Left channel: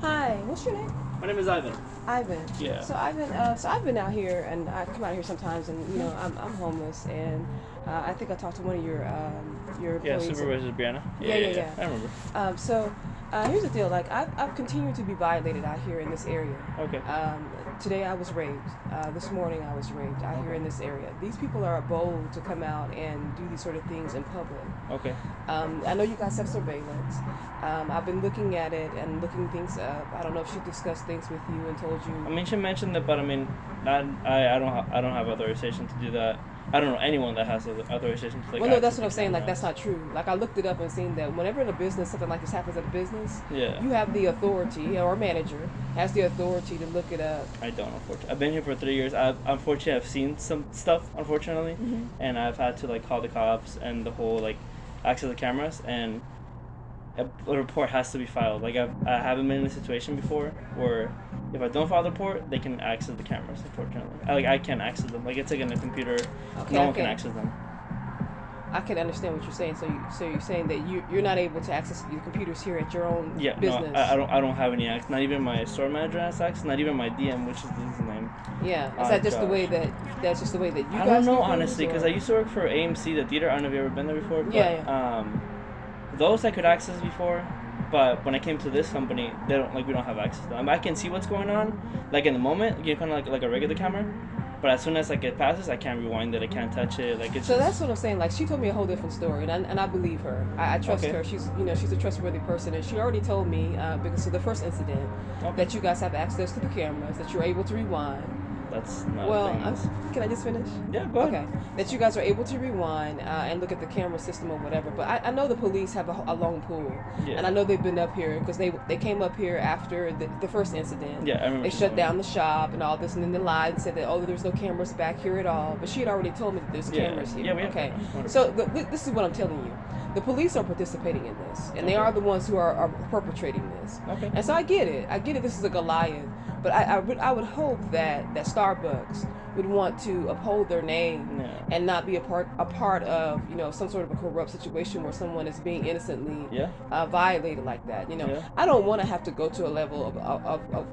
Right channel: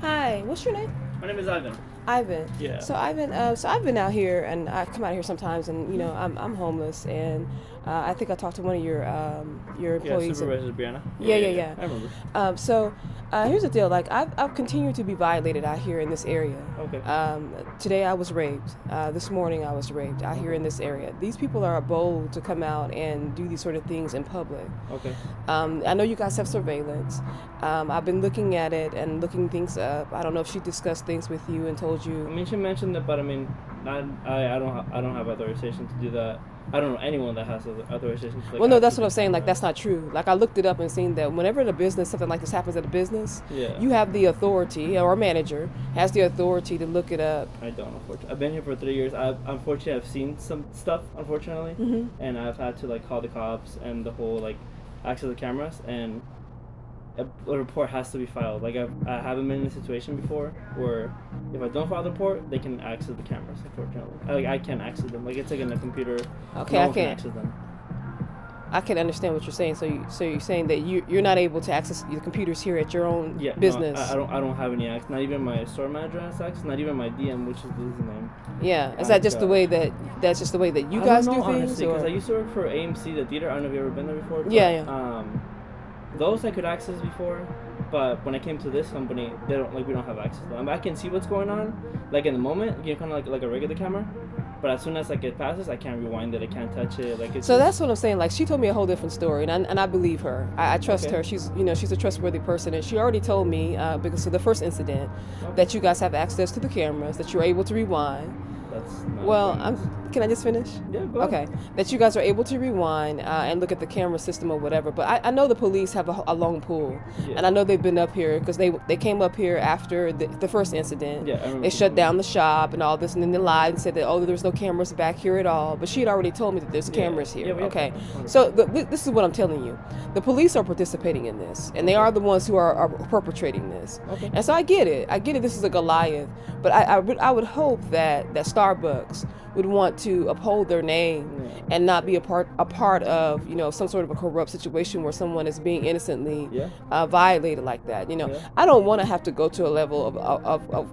Hi, what's your name? My name is Ivan. Ivan. Yeah. So I've been out here, and I come out here sometimes, and I'm homeless, and I think I talked to one of your Yeah, employees. Supervisor Brianna. Yeah. I remember. Here's the deal. Like I've continued to be violated out here in this area. Okay. Today I was raped. This morning I was raped out here in this area. These people are bold to come out and do these sort of things in public. Okay. I know you guys have surveillance. I've been looking at it and looking things up. I don't know if she discussed things with you and told you. I mean, she mentioned that, but I mean, I don't have authorization to do that. I don't know anyone that has authorization to. Well, no, that's what I'm saying. Like, that's not true. Like, I looked it up and seen that whenever in a business something like this happens at a business, Yeah. you have the authority, or a manager has the authority to look it up. I don't, unfortunately. I've been here for 3 years. Unfortunately, I've seen some stuff, unfortunately, and I've had to call the cops and the whole access the cameras, and a report has to be filed. I haven't been in a situation before where if I don't file the report, they can access the cameras. Unfortunately, I can't access them. It's in a computer. Okay, no one can access them. I can understand what you're saying. So you're saying that you're not able to access your computers here at your own business. No, I don't have any access. Not even my store manager has access. Not even my DM, which is his name. Yeah, is that just the way that's just the way that you guys? I don't know honestly, because I used to work for AMC, the theater. I don't know if you ever been there before. But, yeah. Those I could access before, but when I came to this company, they don't we don't have access to them. I can see what's going on, in the moment, you kind of like a regular camera. But as soon as it passes, I can't rewind it. I can't touch it. So that's what I'm saying. She told me a whole different story, and I believe her. I trust her. She's a trustworthy person, and she already told me because of the first incident that you guys have access to the cameras, that you're able to rewind. That's not can I just finish? Yeah, go ahead. Okay. That you guys are able to rewind and look at the camera system or whatever. But I know the police have a long pull, and I know they've been up here because they came up here after the first incident. Yeah, I remember. They shut down the shop and all this, and then they lied and said that there's no cameras back here at all. But she had already told me that there's cameras here. Yeah, okay. So this is what I'm telling you. The police are participating in this, and they are the ones who are perpetrating this. Okay. And so I get it. This is a Goliath, but I would hope that Starbucks would want to uphold their name and not be a part of some sort of a corrupt situation where someone is being innocently violated like that. I don't want to have to go to a level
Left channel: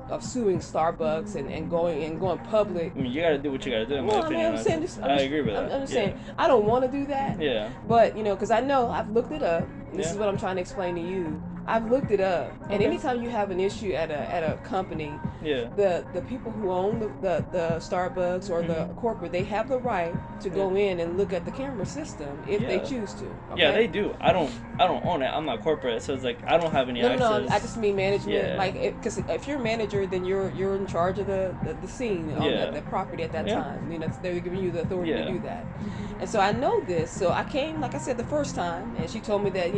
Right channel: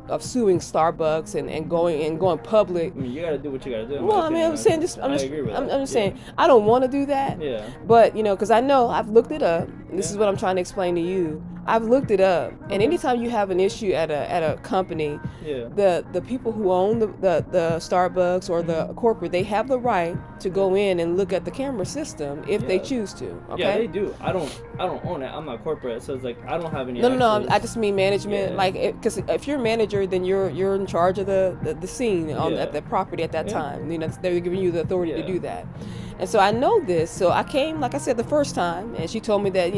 of suing Starbucks and going public. I mean, you got to do what you got to do. Well, I'm saying this. I agree with that. I'm just saying I don't want to do that. Yeah. But because I know I've looked it up. This is what I'm trying to explain to you. I've looked it up, and anytime you have an issue at a company, the people who own the Starbucks or the corporate, they have the right to go in and look at the camera system if they choose to. Okay? Yeah, they do. I don't own it. I'm not corporate, so it's I don't have any access. No, I just mean management. Because if you're a manager, then you're in charge of the scene on the property at that time. They're giving you the authority to do that. And so I know this. So I came, like I said, the first time, and she told me that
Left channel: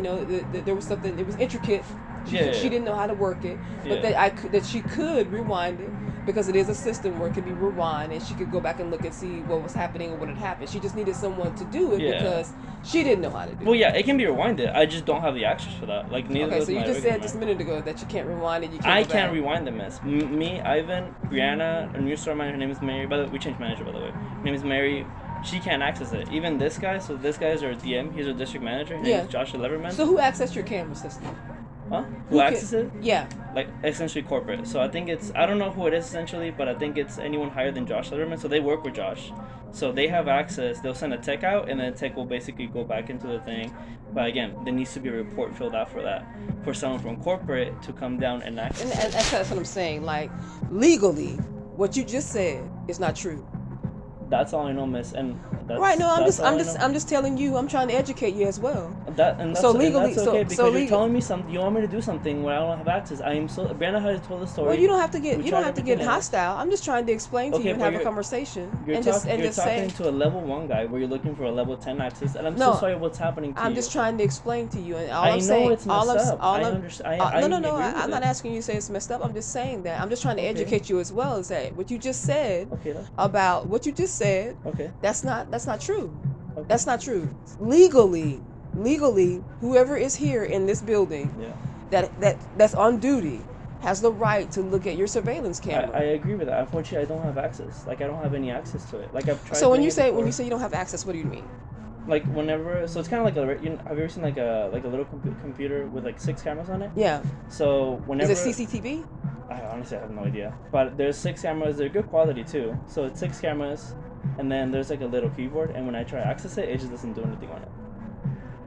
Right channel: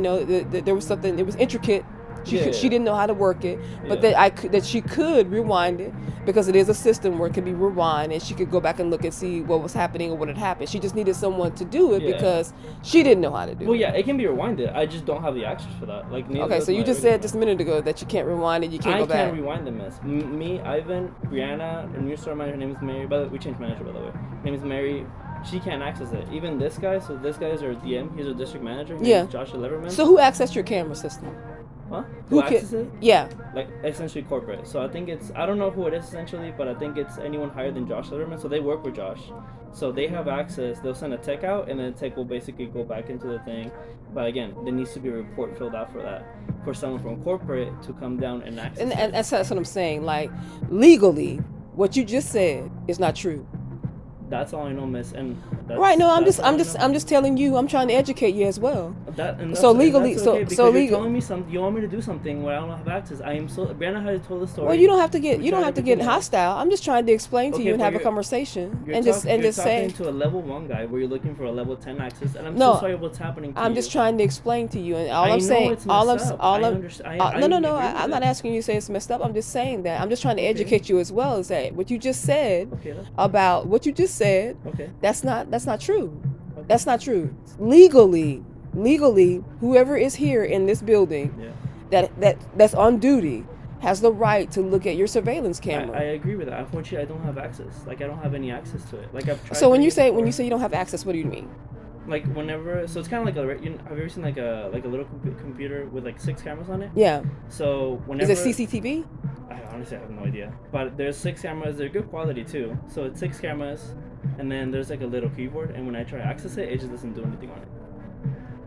there was something. It was intricate. She didn't know how to work it, but that she could rewind it because it is a system where it can be rewind, and she could go back and look and see what was happening or what had happened. She just needed someone to do it because she didn't know how to do it. Well, it can be rewinded. I just don't have the access for that. Okay, so you just said just a minute ago that you can't rewind it. You can't. I can't rewind the mess. Me, Ivan, Brianna, a new store manager. Her name is Mary. By the way, we changed manager. By the way, her name is Mary. She can't access it. Even this guy. So this guy is our DM. He's our district manager. His name is Joshua Leverman. So who accessed your camera system? Huh? Who accesses it? Yeah. Essentially corporate. So I think I don't know who it is essentially, but I think it's anyone higher than Josh Leverman. So they work with Josh. So they have access. They'll send a tech out, and then the tech will basically go back into the thing. But again, there needs to be a report filled out for that. For someone from corporate to come down and access. And that's what I'm saying. Legally, what you just said is not true. That's all I know, miss. And right. No, I'm just telling you. I'm trying to educate you as well. Legally, because you're telling me something. You want me to do something where I don't have access. I am so. Brianna has told the story. Well, you don't have to get hostile. I'm just trying to explain to you and have a conversation and just say. To a level 1 guy where you're looking for a level 10 access, and I'm so sorry what's happening to you. I'm just trying to explain to you, and all I'm saying, I'm not asking you to say it's messed up. I'm just saying that I'm just trying to educate you as well. Is that what you just said about what you just said? That's not true. Okay. That's not true. Legally, whoever is here in this building that's on duty has the right to look at your surveillance camera. I agree with that. Unfortunately, I don't have access. I don't have any access to it. I've tried. So when you say you don't have access, what do you mean? Like whenever, so it's kind of like have you ever seen like a little computer with like 6 cameras on it? Yeah. So whenever is it CCTV? I honestly have no idea, but there's 6 cameras. They're good quality too. So it's 6 cameras, and then there's like a little keyboard, and when I try to access it, it just doesn't do anything on it.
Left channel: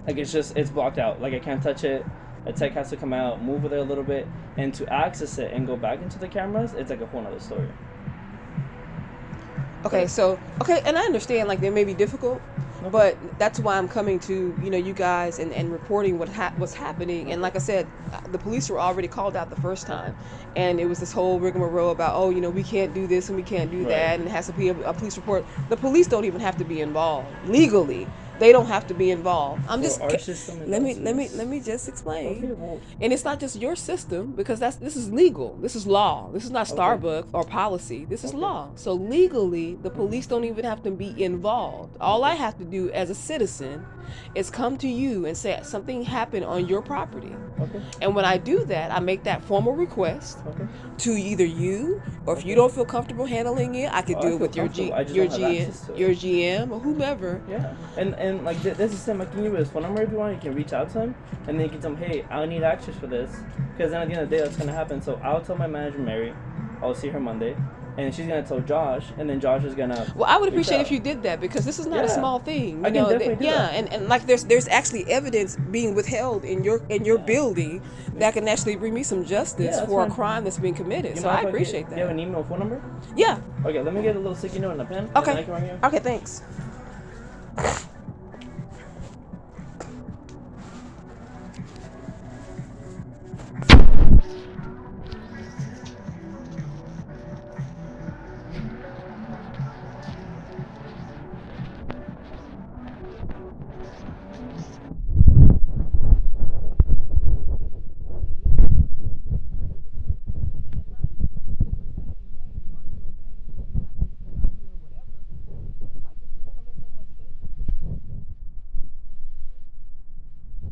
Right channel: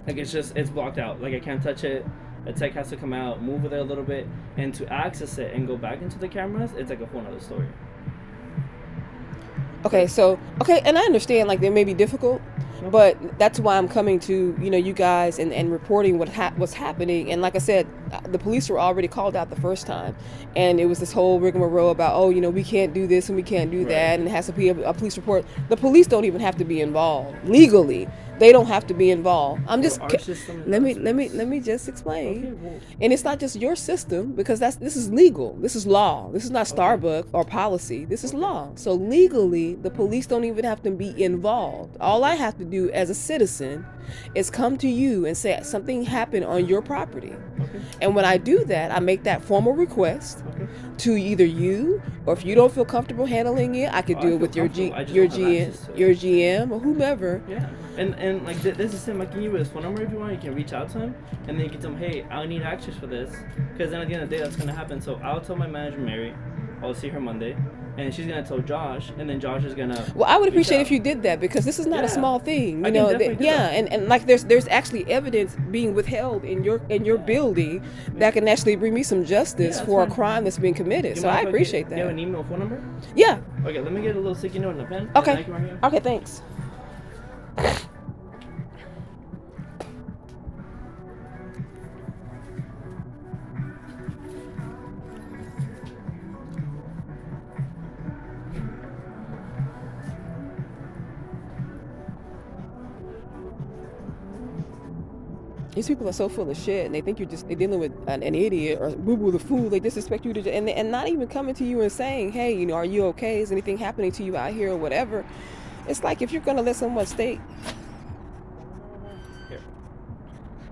Like it's blocked out. Like I can't touch it. A tech has to come out, move with it a little bit, and to access it and go back into the cameras, it's like a whole other story. Okay, so and I understand like they may be difficult, but that's why I'm coming to you guys and reporting what's happening. And like I said, the police were already called out the first time, and it was this whole rigmarole about we can't do this and we can't do that, and it has to be a police report. The police don't even have to be involved legally. They don't have to be involved. I'm just let me just explain. Okay, well. And it's not just your system, because this is legal. This is law. This is not Starbucks or policy. This is law. So legally, the police don't even have to be involved. All I have to do as a citizen is come to you and say something happened on your property. Okay. And when I do that, I make that formal request to either you, or if you don't feel comfortable handling it, I could do it with your GM or whomever. Yeah. And like this is him. I can give you his phone number if you want. You can reach out to him, and then you can tell him, hey, I need access for this, because then at the end of the day, that's gonna happen. So I'll tell my manager Mary. I'll see her Monday, and she's gonna tell Josh, and then Josh is gonna. Well, I would appreciate if you did that, because this is not a small thing. You know, and like there's actually evidence being withheld in your building that can actually bring me some justice for a crime that's being committed. So I appreciate that. Do you have an email, phone number? Yeah. Okay, let me get a little sticky note and a pen. Okay. Okay, thanks. These people are so full of shit, and they think they're dealing with an idiot or boo-boo the fool. They disrespect you and not even coming to you and saying, hey, are you okay? Is anything happening to you out here or whatever? It's like, if you're going to let someone stay. Here.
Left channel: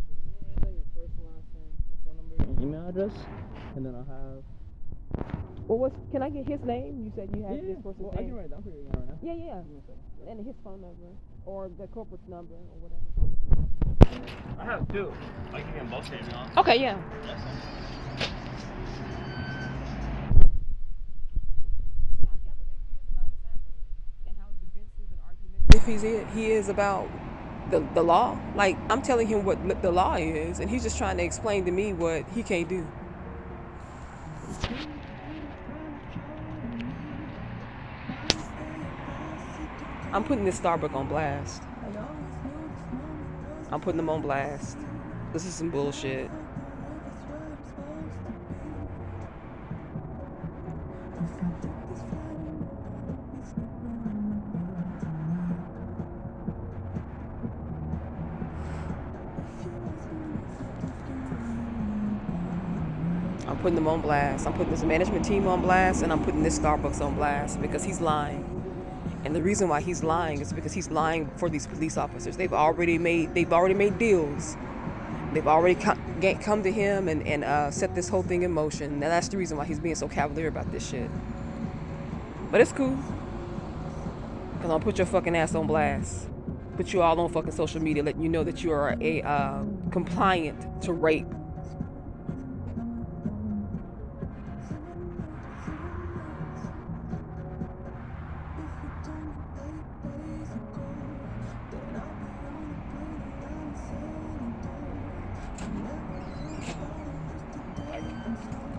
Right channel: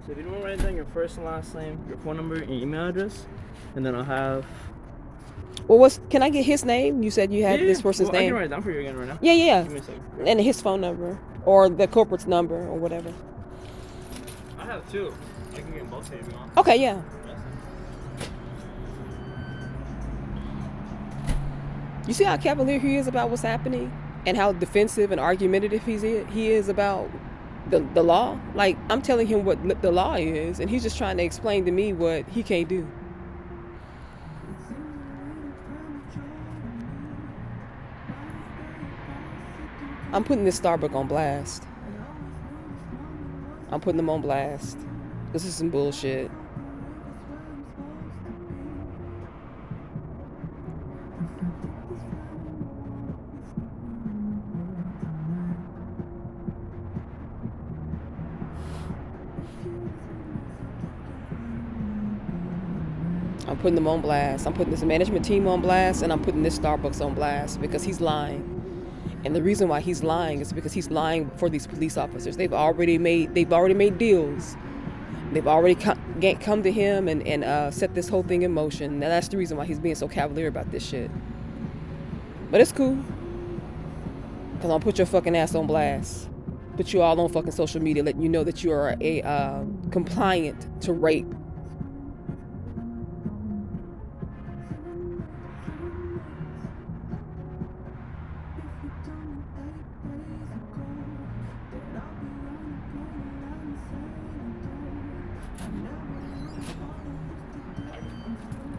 So if you don't write down your first and last name, your phone number, your email address, and then I'll have... Well, can I get his name? You said you had this person's name. I can write it down for you again right now. Yeah. Give me a second. And his phone number, or the corporate's number, or whatever. I have 2. I can get them both if you want. Okay, yeah. You see how cavalier he is about what's happening, and how defensive and argumentative he is about the law? Like, I'm telling him what the law is, and he's just trying to explain to me what he can't do. I'm putting this Starbucks on blast. I'm putting them on blast. This is some bullshit. I'm putting them on blast. I'm putting this management team on blast, and I'm putting this Starbucks on blast, because he's lying. And the reason why he's lying is because he's lying for these police officers. They've already made deals. They've already come to him and set this whole thing in motion. And that's the reason why he's being so cavalier about this shit. But it's cool, because I'll put your fucking ass on blast. Put you all on fucking social media, letting you know that you are a compliant to rape.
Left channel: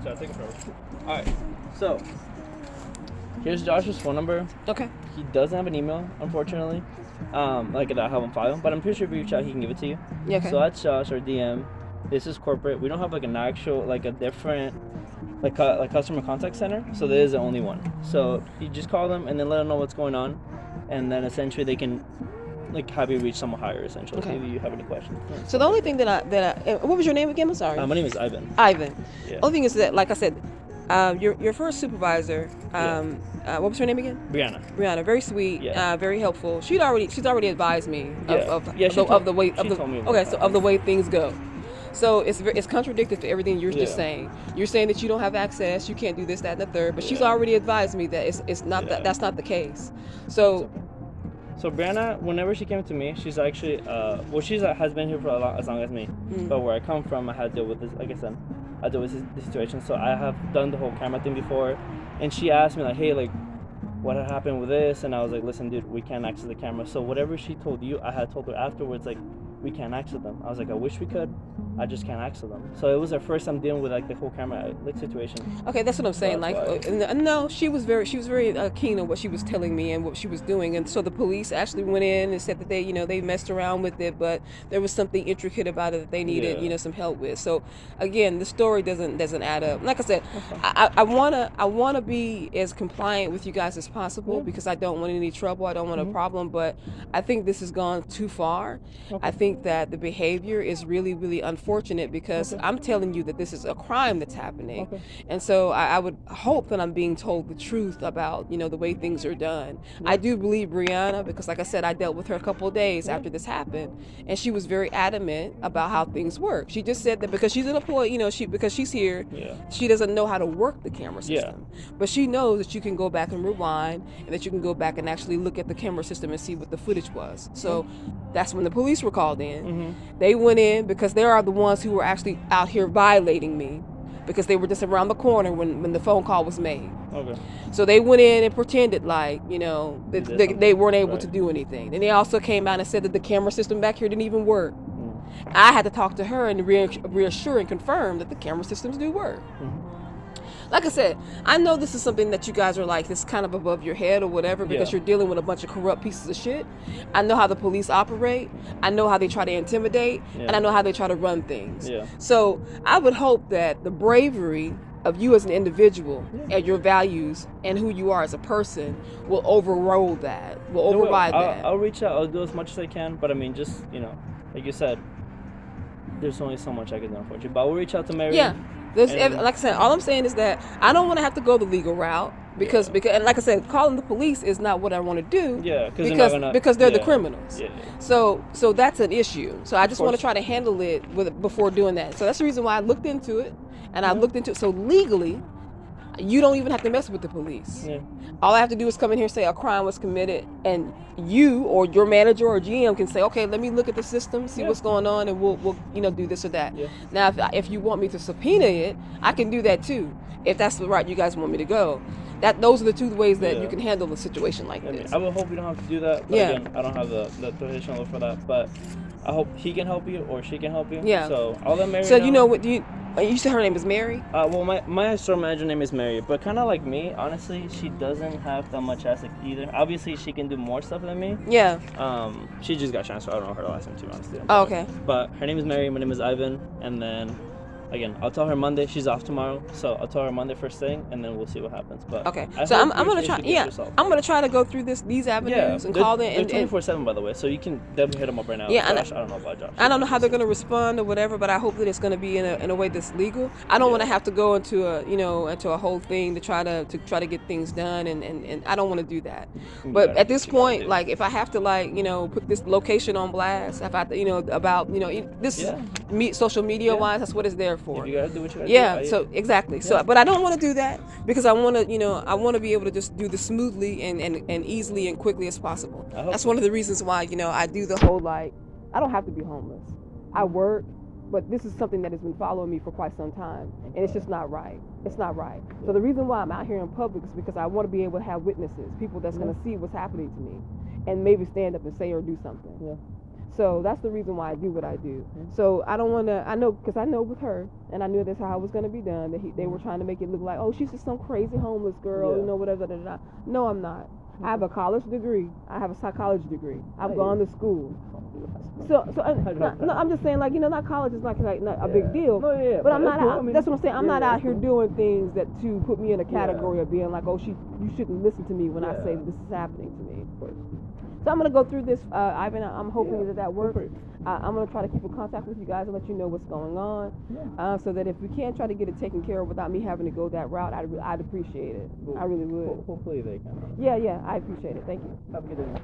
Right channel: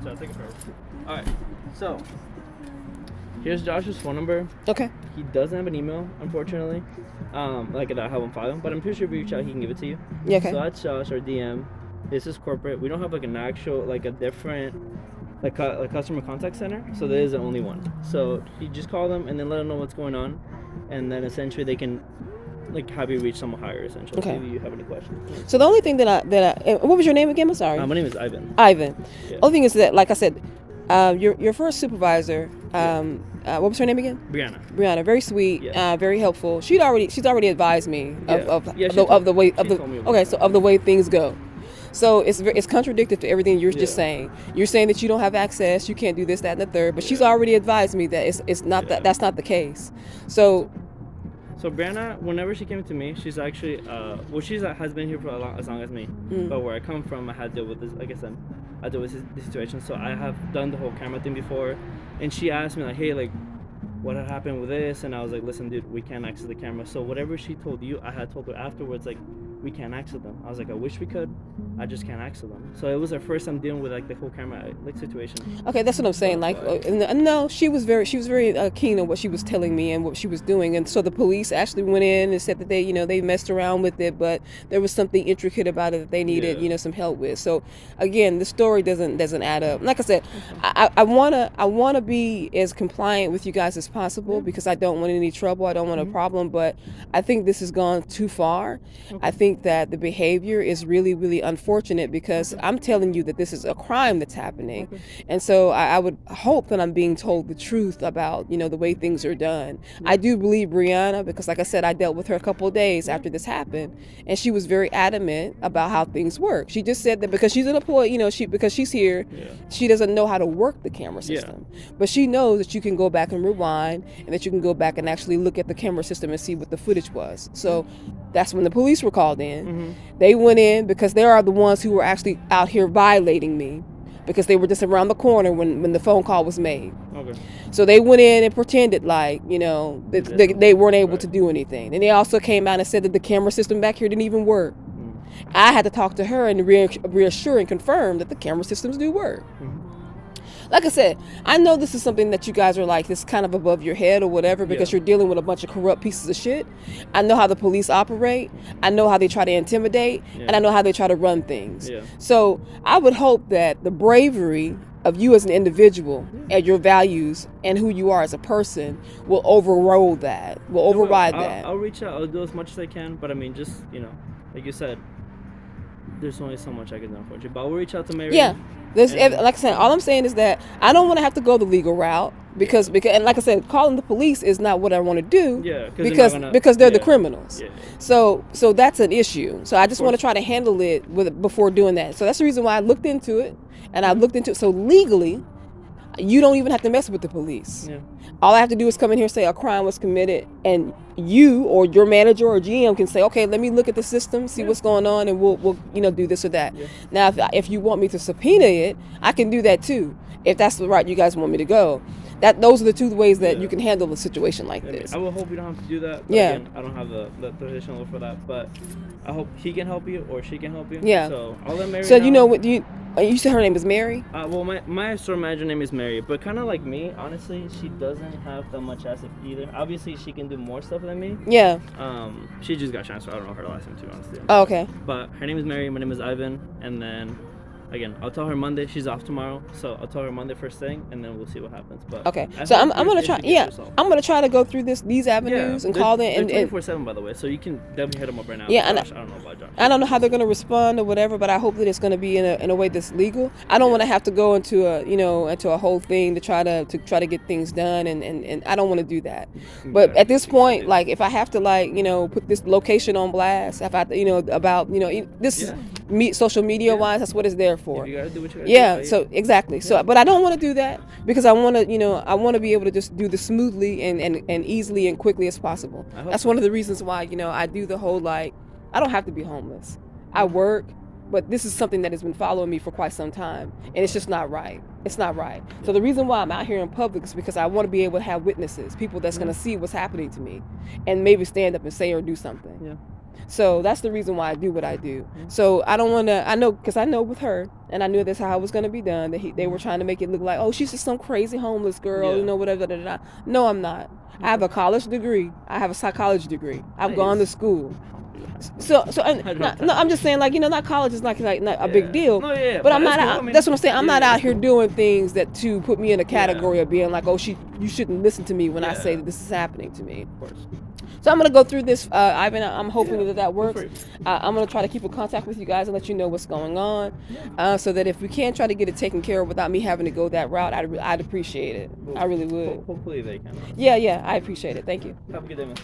So I'll take it first. Alright, so here's Josh's phone number. Okay. He doesn't have an email, unfortunately. Like that I have on file, but I'm pretty sure if you reach out, he can give it to you. Yeah, okay. So that's Josh, our DM. This is corporate. We don't have like an actual, like a different, like a customer contact center. So there is the only one. So you just call them and then let them know what's going on, and then essentially they can like have you reach someone higher, essentially. Okay. If you have any questions. So the only thing that I what was your name again? I'm sorry. My name is Ivan. Yeah. Only thing is that, like I said, your first supervisor, what was her name again? Brianna, very sweet, very helpful. She's already advised me of the way things go. So it's contradictory to everything you're just saying. You're saying that you don't have access, you can't do this, that, and the third, but she's already advised me that it's not that's not the case. So So Brianna, whenever she came to me, she's actually she has been here for as long as me. But where I come from, I had to deal with this. Like I said, I deal with this situation. So I have done the whole camera thing before, and she asked me like, hey, like, what had happened with this? And I was like, listen, dude, we can't access the camera. So whatever she told you, I had told her afterwards, like, we can't access them. I was like, I wish we could. I just can't access them. So it was our first time dealing with like the whole camera like situation. Okay, that's what I'm saying. No, she was very keen on what she was telling me and what she was doing. And so the police actually went in and said that they messed around with it, but there was something intricate about it that they needed some help with. So again, the story doesn't add up. Like I said, I wanna be as compliant with you guys as possible because I don't want any trouble. I don't want a problem. But I think this has gone too far. I think that the behavior is really, really unfortunate because I'm telling you that this is a crime that's happening. And so I would hope that I'm being told the truth about, the way things are done. I do believe Brianna because, like I said, I dealt with her a couple of days after this happened, and she was very adamant about how things work. She just said that because she's an employee, because she's here, she doesn't know how to work the camera system. But she knows that you can go back and rewind and that you can go back and actually look at the camera system and see what the footage was. So that's when the police were called in. They went in because they are the ones who were actually out here violating me because they were just around the corner when the phone call was made. So they went in and pretended like, that they weren't able to do anything. And they also came out and said that the camera system back here didn't even work. I had to talk to her and reassure and confirm that the camera systems do work. Like I said, I know this is something that you guys are like, this kind of above your head or whatever because you're dealing with a bunch of corrupt pieces of shit. I know how the police operate. I know how they try to intimidate. And I know how they try to run things. So I would hope that the bravery of you as an individual and your values and who you are as a person will override that. I'll reach out. I'll do as much as I can. But I mean, just, like you said, there's only so much I can do, unfortunately. But I'll reach out to Mary. Like I said, all I'm saying is that I don't want to have to go the legal route because and like I said, calling the police is not what I want to do. Because they're the criminals. So that's an issue. So I just want to try to handle it before doing that. So that's the reason why I looked into it, and I looked into it. So legally, you don't even have to mess with the police. All I have to do is come in here and say a crime was committed, and you or your manager or GM can say, okay, let me look at the system, see what's going on, and we'll do this or that. Now, if you want me to subpoena it, I can do that too, if that's the route you guys want me to go. Those are the two ways that you can handle a situation like this. I will hope you don't have to do that. But again, I don't have the authority for that, but I hope he can help you or she can help you. So I'll let Mary know. What you said her name is Mary? Well, my store manager name is Mary, but kind of like me, honestly, she doesn't have that much asset either. Obviously, she can do more stuff than me. She just got transferred. I don't know her last name, to be honest. Oh, okay. But her name is Mary. My name is Ivan, and then. Again, I'll tell her Monday. She's off tomorrow, so I'll tell her Monday first thing, and then we'll see what happens. But okay, so I'm gonna try. I'm gonna try to go through these avenues and call them. They're 24/7, by the way, so you can definitely hit them up right now. I don't know about Josh. I don't know how they're gonna respond or whatever, but I hope that it's gonna be in a way that's legal. I don't want to have to go into a whole thing to try to get things done, and I don't want to do that. But at this point, like if I have to put this location on blast, if I about this social media wise, that's what it's there for. You gotta do what you gotta do. So exactly. So, but I don't want to do that because I want to be able to just do this smoothly and easily and quickly as possible. That's one of the reasons why I do the whole I don't have to be homeless. I work, but this is something that has been following me for quite some time, and it's just not right. It's not right. So the reason why I'm out here in public is because I want to be able to have witnesses, people that's going to see what's happening to me, and maybe stand up and say or do something. So that's the reason why I do what I do. So I don't want to, I know with her, and I knew that's how it was going to be done, that they were trying to make it look like, oh, she's just some crazy homeless girl, whatever. No, I'm not. I have a college degree. I have a psychology degree. I've gone to school. So I'm just saying, not college is not a big deal. But I'm not. Cool. That's what I'm saying. I'm not out here doing things that to put me in a category of being like, oh, you shouldn't listen to me when I say that this is happening to me. Of course. So I'm going to go through this, Ivan. I'm hoping that works. I'm going to try to keep in contact with you guys and let you know what's going on, so that if we can try to get it taken care of without me having to go that route, I'd appreciate it. I really would. Hopefully they can. Yeah, I appreciate it. Thank you. Have a good day, man.